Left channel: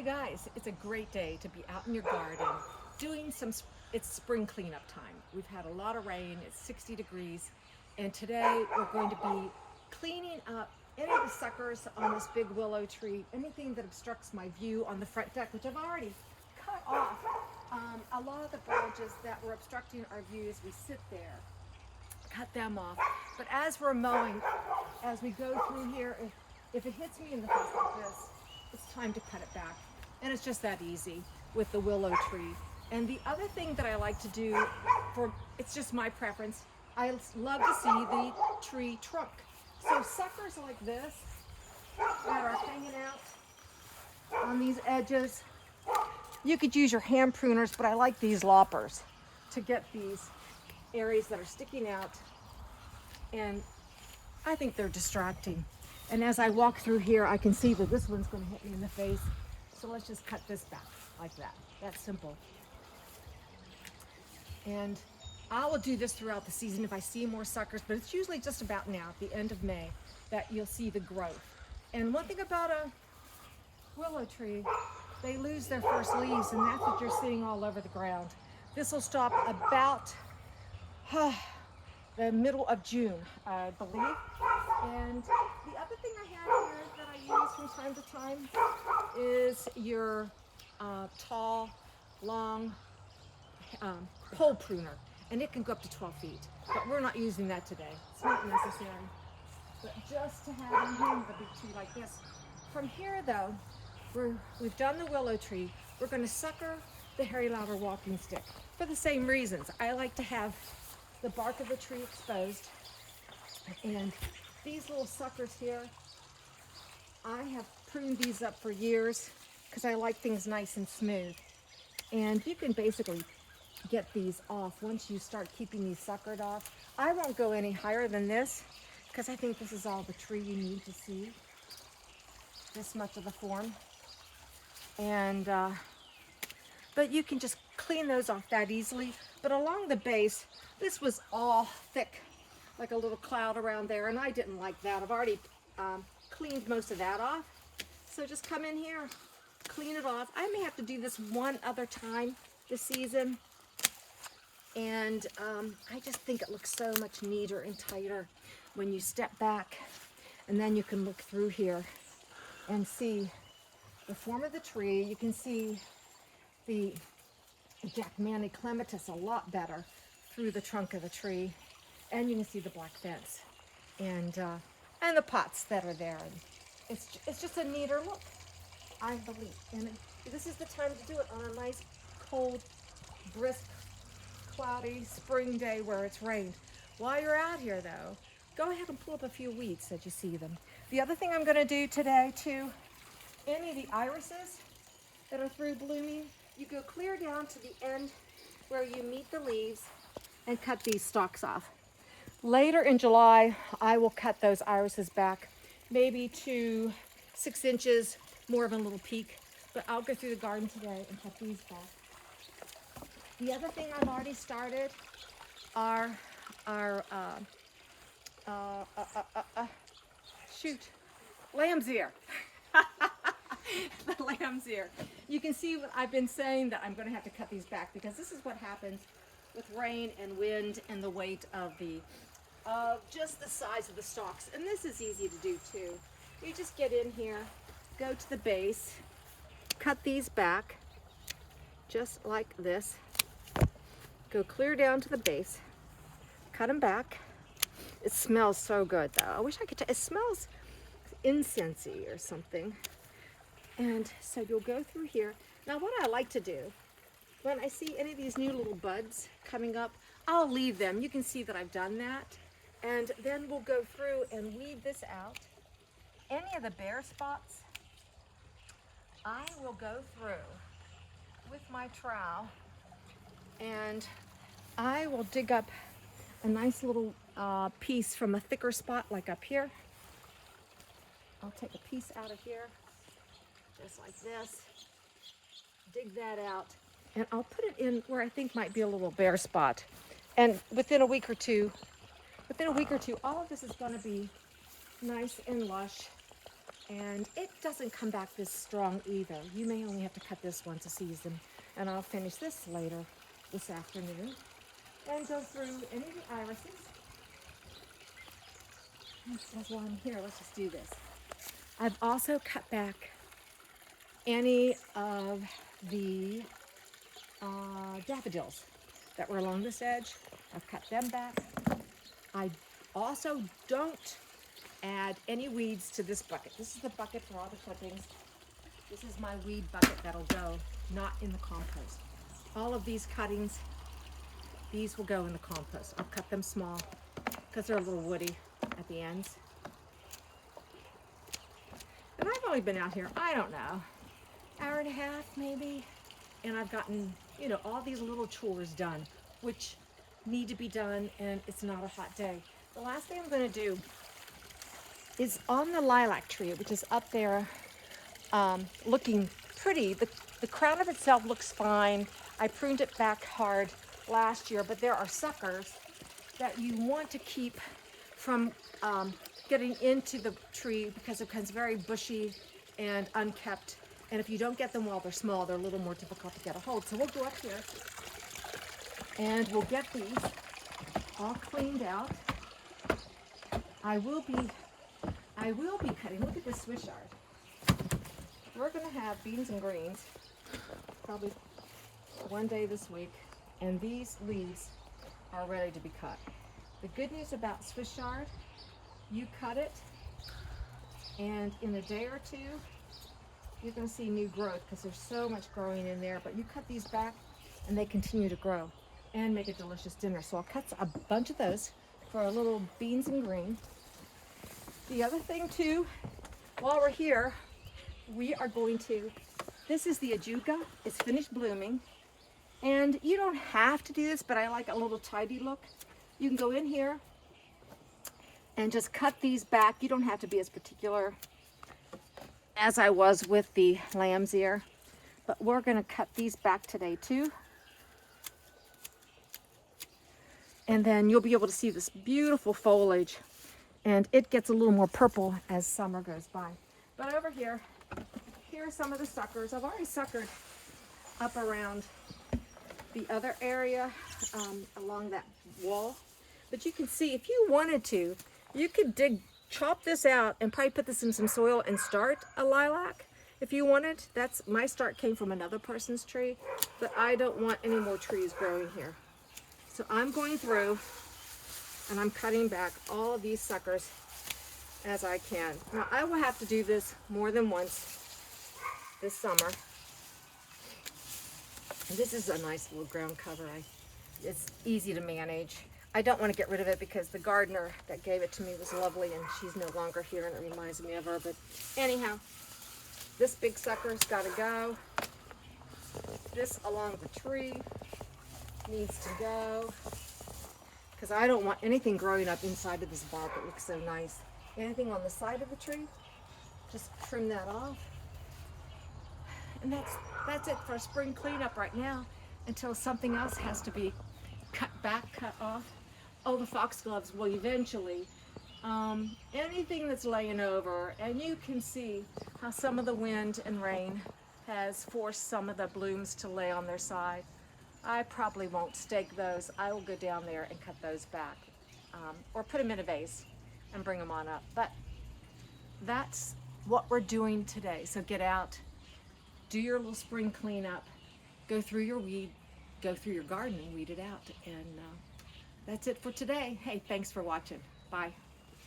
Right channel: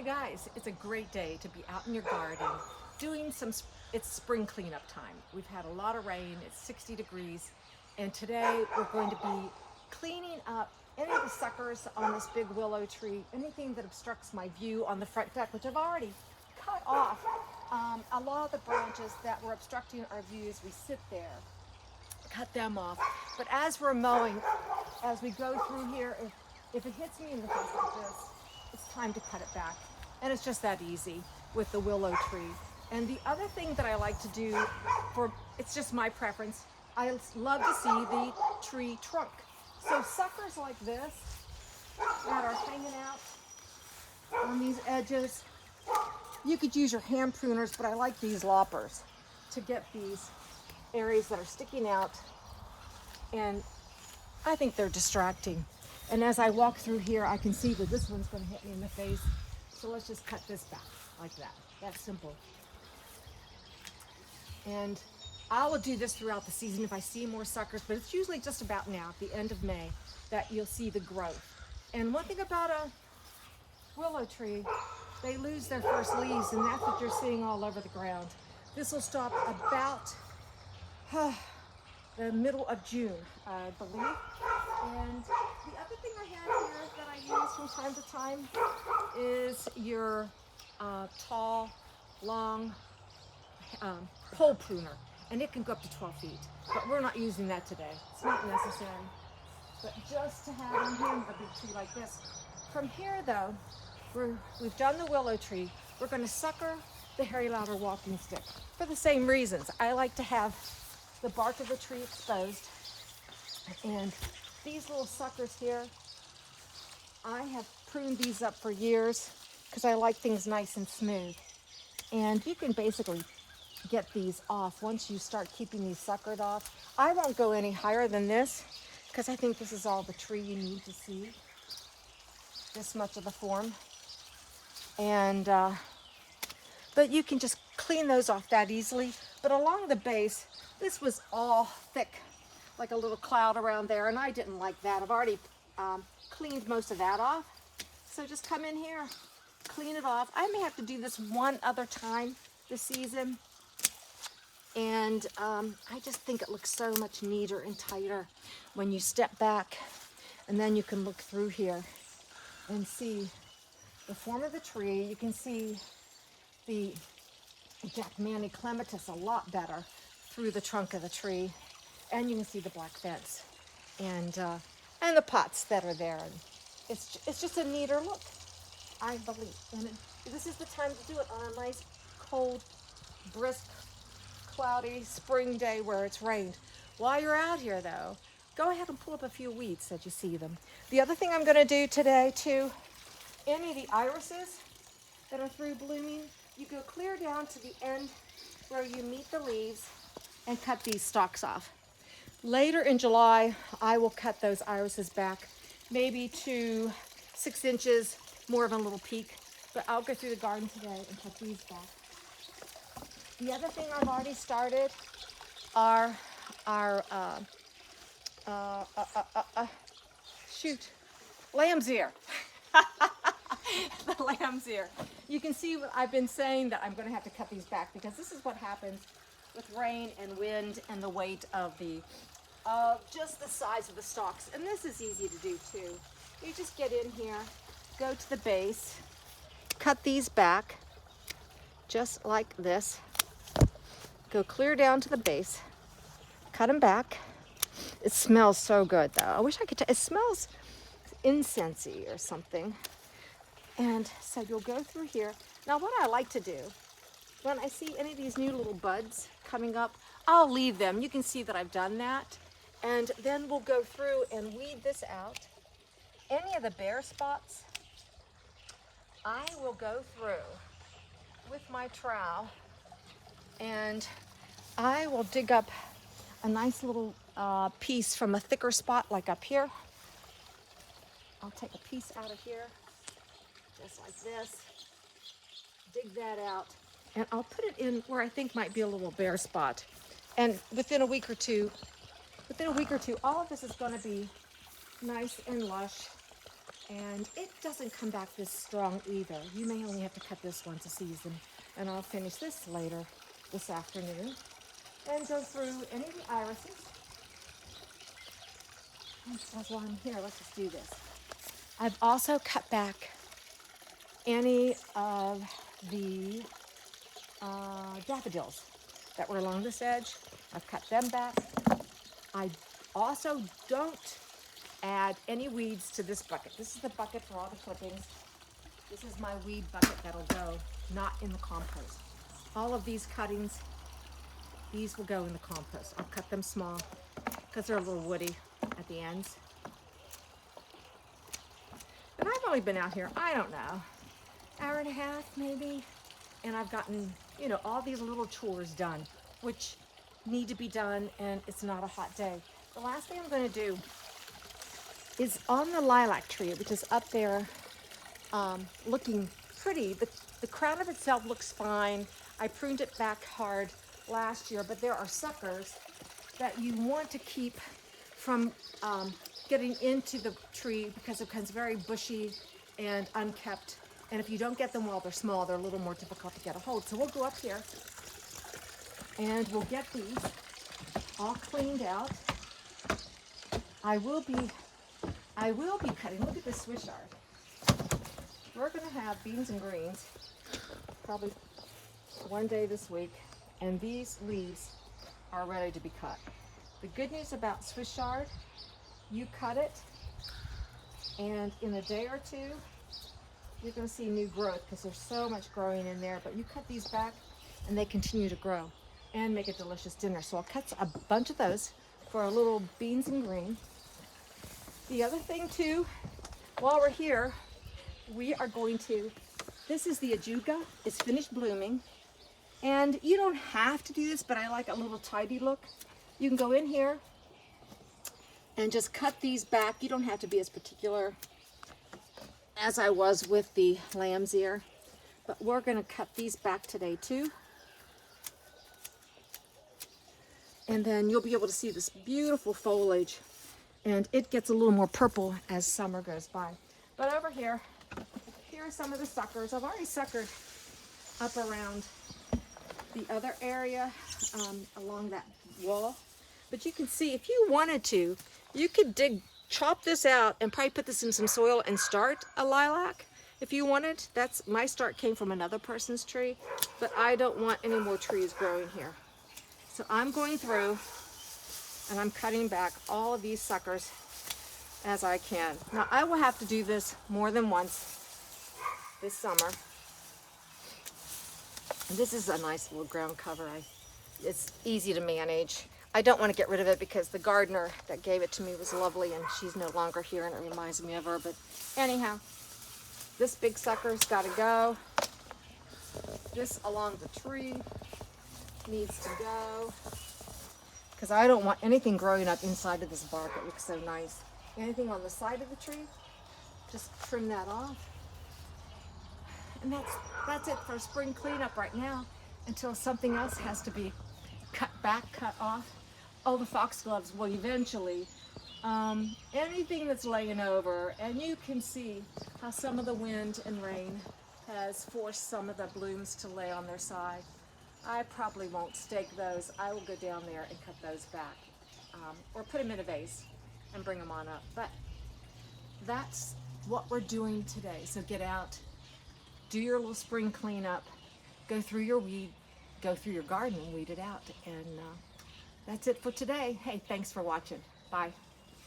Hey guys, it's a great day to be out in your garden doing it's spring cleanup time. We've had a lot of rain, it's 60 degrees, and today we're going to be cleaning up any of the suckers on this big willow tree, anything that obstructs my view on the front deck, which I've already cut off. A lot of the branches that were obstructing our view as we sit there, cut them off. But as we're mowing, as we go through here, if it hits me in the face like this, it's time to cut it back. And it's just that easy with the willow tree. And the other thing that I like to do, it's just my preference, I love to see the tree trunk. So suckers like this that are hanging out on these edges, you could use your hand pruners, but I like these loppers to get these areas that are sticking out, and I think they're distracting. And as I walk through here, I can see that this one's going to hit me in the face. So let's just cut this back like that. That's simple. And I will do this throughout the season if I see more suckers, but it's usually just about now, at the end of May, that you'll see the growth. And one thing about a willow tree, they lose their first leaves, and that's what you're seeing all over the ground. This will stop about the middle of June, I believe. And the other thing I have here that I use from time to time is your tall, long pole pruner. And it can go up to 12 feet. But we're not using that today. It's not necessary. But just to have on here with a big tree like this. From here though, we've done the willow tree. We're going to sucker the hairy louder walking stick for the same reasons. I like to have the bark of the tree exposed. And these little suckers here, I have pruned these up for years because I like things nice and smooth. And you can basically get these off once you start keeping these suckered off. I won't go any higher than this because I think this is all the tree you need to see, this much of the form. And but you can just clean those off that easily. But along the base, this was all thick, like a little cloud around there, and I didn't like that. I've already cleaned most of that off. So just come in here, clean it off. I may have to do this one other time this season. And I just think it looks so much neater and tighter when you step back, and then you can look through here and see the form of the tree. You can see the Jackmani clematis a lot better through the trunk of the tree, and you can see the black fence and the pots that are there. And it's just a neater look, I believe. And this is the time to do it on a nice, cold, brisk, cloudy spring day where it's rained. While you're out here though, go ahead and pull up a few weeds as you see them. The other thing I'm going to do today too, any of the irises that are through blooming, you go clear down to the end where you meet the leaves and cut these stalks off. Later in July, I will cut those irises back, maybe to 6 inches, more of a little peak, but I'll go through the garden today and cut these back. The other thing I've already started are our lamb's ear. The lamb's ear. You can see what I've been saying, that I'm going to have to cut these back because this is what happens with rain and wind and the weight of just the size of the stalks. And this is easy to do too. You just get in here, go to the base, cut these back just like this. Go clear down to the base, cut them back. It smells so good though. I wish I could it smells incensey or something. And so you'll go through here. Now what I like to do, when I see any of these new little buds coming up, I'll leave them. You can see that I've done that. And then we'll go through and weed this out. Any of the bare spots, I will go through with my trowel, and I will dig up a nice little piece from a thicker spot like up here. I'll take a piece out of here, just like this, dig that out, and I'll put it in where I think might be a little bare spot. And within a week or two, all of this is going to be nice and lush And it doesn't come back this strong either. You may only have to cut this once a season. And I'll finish this later this afternoon and go through any of the irises. While I'm here, let's just do this. I've also cut back any of the daffodils that were along this edge. I've cut them back. I also don't add any weeds to this bucket. This is the bucket for all the clippings. This is my weed bucket that'll go, not in the compost. All of these cuttings, these will go in the compost. I'll cut them small because they're a little woody at the ends. And I've only been out here, I don't know, hour and a half maybe, and I've gotten, you know, all these little chores done, which need to be done, and it's not a hot day. The last thing I'm going to do is on the lilac tree, which is up there looking pretty. The crown of itself looks fine. I pruned it back hard last year, but there are suckers that you want to keep from getting into the tree because it becomes very bushy and unkept. And if you don't get them while they're small, they're a little more difficult to get a hold. So we'll go up here and we'll get these all cleaned out. I will be cutting. Look at this Swiss chard. We're going to have beans and greens probably one day this week, and these leaves are ready to be cut. The good news about Swiss chard, you cut it, and in a day or two, you're going to see new growth because there's so much growing in there. But you cut these back, and they continue to grow and make a delicious dinner. So I'll cut a bunch of those for a little beans and green. The other thing too, while we're here, we are going to, this is the ajuga. It's finished blooming. And you don't have to do this, but I like a little tidy look. You can go in here and just cut these back. You don't have to be as particular as I was with the lamb's ear, but we're going to cut these back today too. And then you'll be able to see this beautiful foliage, and it gets a little more purple as summer goes by. But over here, here are some of the suckers. I've already suckered up around the other area along that wall. But you can see, if you wanted to, you could chop this out and probably put this in some soil and start a lilac if you wanted. That's my start came from another person's tree, but I don't want any more trees growing here. So I'm going through and I'm cutting back all of these suckers as I can. Now I will have to do this more than once this summer. And this is a nice little ground cover. It's easy to manage. I don't want to get rid of it because the gardener that gave it to me was lovely, and she's no longer here, and it reminds me of her. But anyhow, this big sucker's got to go. This along the tree needs to go because I don't want anything growing up inside of this bark. It looks so nice. Anything on the side of the tree, just trim that off. And that's it for spring cleanup right now until something else has to be cut back, cut off. Oh, the foxgloves will eventually, anything that's laying over, and you can see how some of the wind and rain has forced some of the blooms to lay on their side. I probably won't stake those. I will go down there and cut those back, or put them in a vase and bring them on up. But that's what we're doing today. So get out, do your little spring cleanup, go through your garden and weed it out. And that's it for today. Hey, thanks for watching. Bye.